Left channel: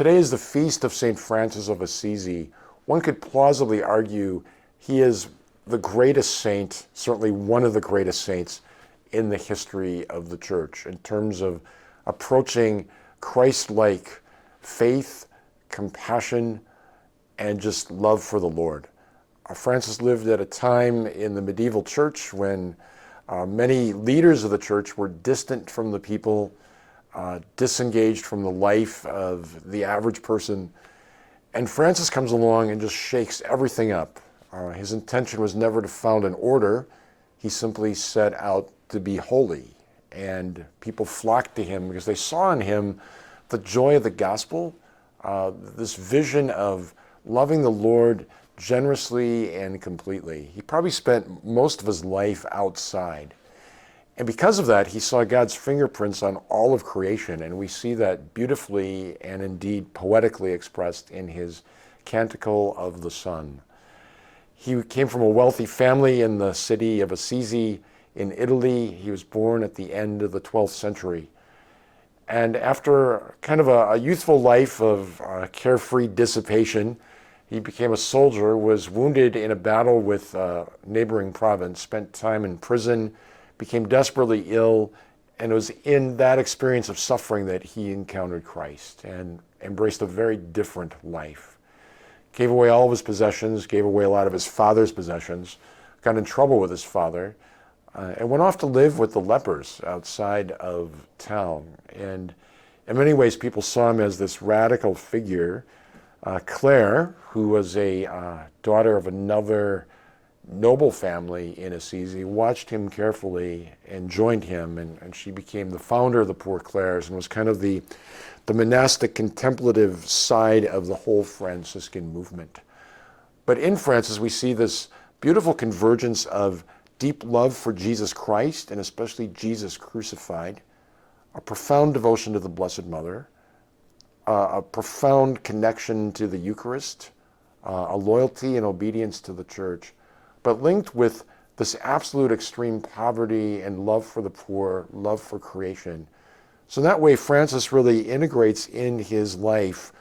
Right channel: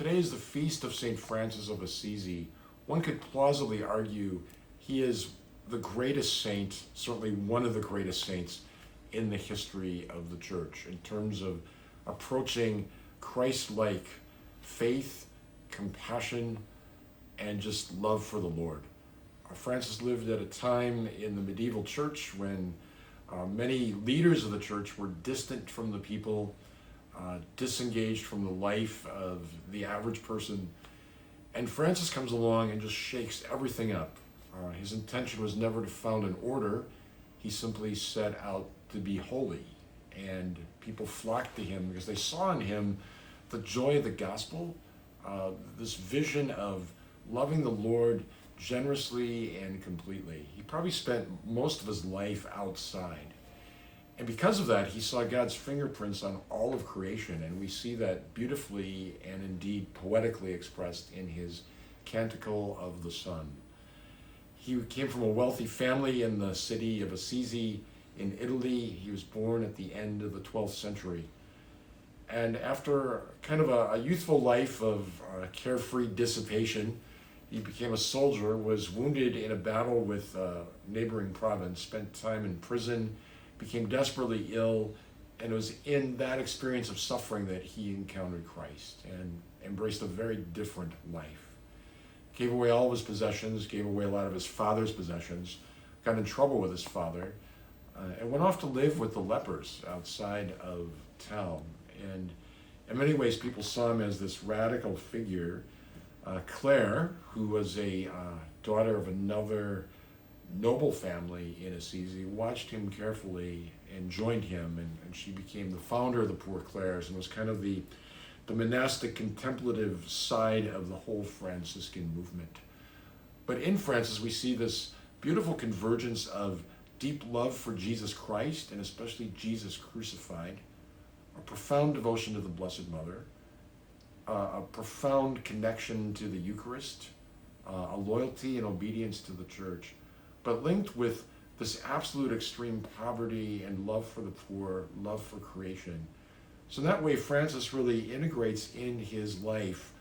Today is the feast of St. Francis of Assisi. One could plausibly argue he is the greatest saint, certainly one of the greatest saints in the history of the church in terms of approaching Christ-like faith, compassion, and just love for the Lord. Francis lived at a time in the medieval church when many leaders of the church were distant from the people, disengaged from the life of the average person. And Francis comes along and just shakes everything up. His intention was never to found an order. He simply set out to be holy. And people flocked to him because they saw in him the joy of the gospel, this vision of loving the Lord generously and completely. He probably spent most of his life outside. And because of that, he saw God's fingerprints on all of creation, and we see that beautifully and indeed poetically expressed in his Canticle of the Sun. He came from a wealthy family in the city of Assisi in Italy. He was born at the end of the 12th century. And after kind of a youthful life of carefree dissipation, he became a soldier, was wounded in a battle with a neighboring province, spent time in prison, became desperately ill, and it was in that experience of suffering that he encountered Christ and embraced a very different life. Gave away all of his possessions, gave away a lot of his father's possessions, got in trouble with his father, and went off to live with the lepers outside of town. And in many ways, people saw him as this radical figure. Claire, who was a daughter of another noble family in Assisi, watched him carefully and joined him, and she became the founder of the Poor Clares and was kind of the monastic contemplative side of the whole Franciscan movement. But in Francis, we see this beautiful convergence of deep love for Jesus Christ, and especially Jesus crucified, a profound devotion to the Blessed Mother, a profound connection to the Eucharist, a loyalty and obedience to the Church, but linked with this absolute extreme poverty and love for the poor, love for creation. So that way, Francis really integrates in his life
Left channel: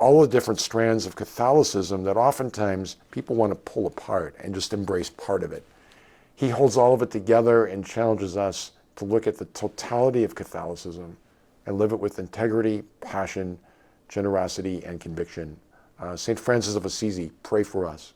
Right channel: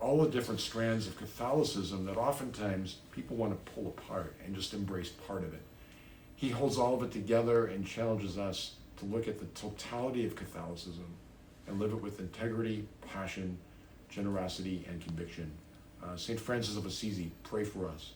all the different strands of Catholicism that oftentimes people want to pull apart and just embrace part of it. He holds all of it together and challenges us to look at the totality of Catholicism and live it with integrity, passion, generosity, and conviction. St. Francis of Assisi, pray for us.